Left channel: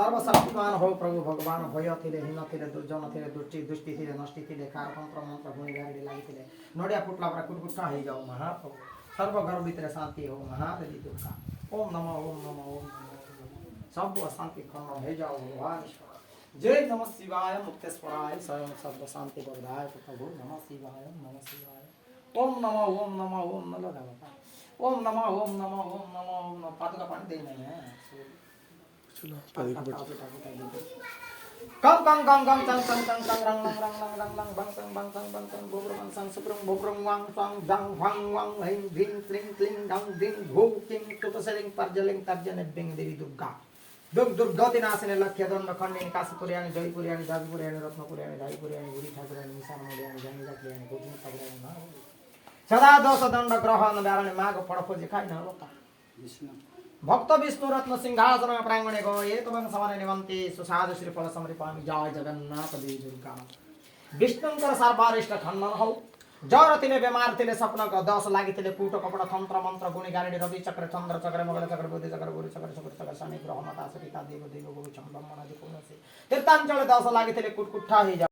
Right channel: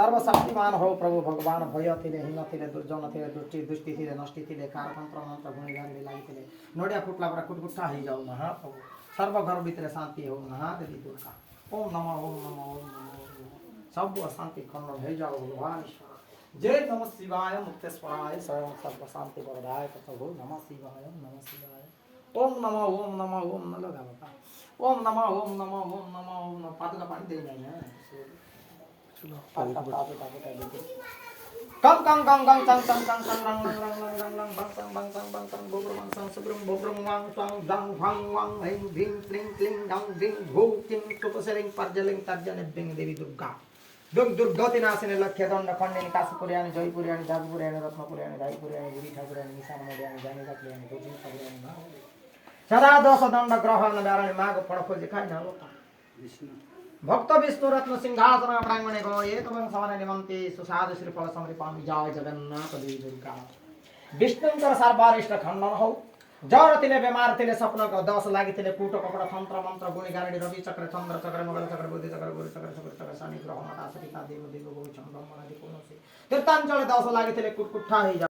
सर्वशक्तिमान हो प्रभु भगवान भय थिले हिन थिले दुर्जन थिले दुष्टि थिले नष्टि थिले कार तंत्र मंत्र गुणी गाड़ी लागिथिले नडिया फुटला पर कुटकुटा हो जाओ महाप्रभु सर्व घर भितर शांति हो महादेवी दुर्गा ओम नमः ओम नमः ओम नमः सब अशांति खंड हो जाओ भगवान जय नमः शिवाय मुक्तेश्वराय स्वयं सर्व शांति प्रदाय प्रभु नमः शिवाय ओम नमः ओम नमः ओम न लगा ओम नमः ओम नमः ओम नमः ओम नमः पादुका पानी देना है कम कम कम कम चंग चंग चंग चंग रंग रंग रंग रंग रंग रंग बंग संग बंग संग बंग संग बोब्रम बंग संग सुब्रम बोब्रम वांग स्वांग दंग वांग वांग हिंग भिंग क्लिंग क्लिंग डंग भिंग भू किंग तुपसलिंग पर्जलिंग तर्जन बिंग देवी दुर्गा दुर्गति नाशिनी लक्ष्य दंड खंडिनी काशीपुरियानी जयपुरियानी जाजपुरियानी रत्नपुरियानी रायपुरियानी गिरी ठाकुरियानी निशान मोडियानी जानी रखलियानी गोविंद ठाकुरियानी सदा दोष दंड ग्रहण नारायण माग पड़खोजे खाई न लोटा भक्त विष्णु रत्न सिंहासन प्रांगणे गो एक वंशवन निमंते सुसाधु श्रीफल समृपामि जय जगन्नाथ देवी दुर्गा विष्णुंकर सर्वारिष्ट खंडन हो जर तिले बेमार तिले सपन दस लागि तिले कूट कपड़ तंत्र मंत्र गुणी गारणी रवि चक्र चंद्र चक्र मंगल चक्र बुद्धि चक्र गुरु चक्र शुक्र चक्र शनि ग्रह मता सरिता देव देव गो चंद्रमण आदि कोन से तीर्थांचल दस लागि तिले कुटकुठा हो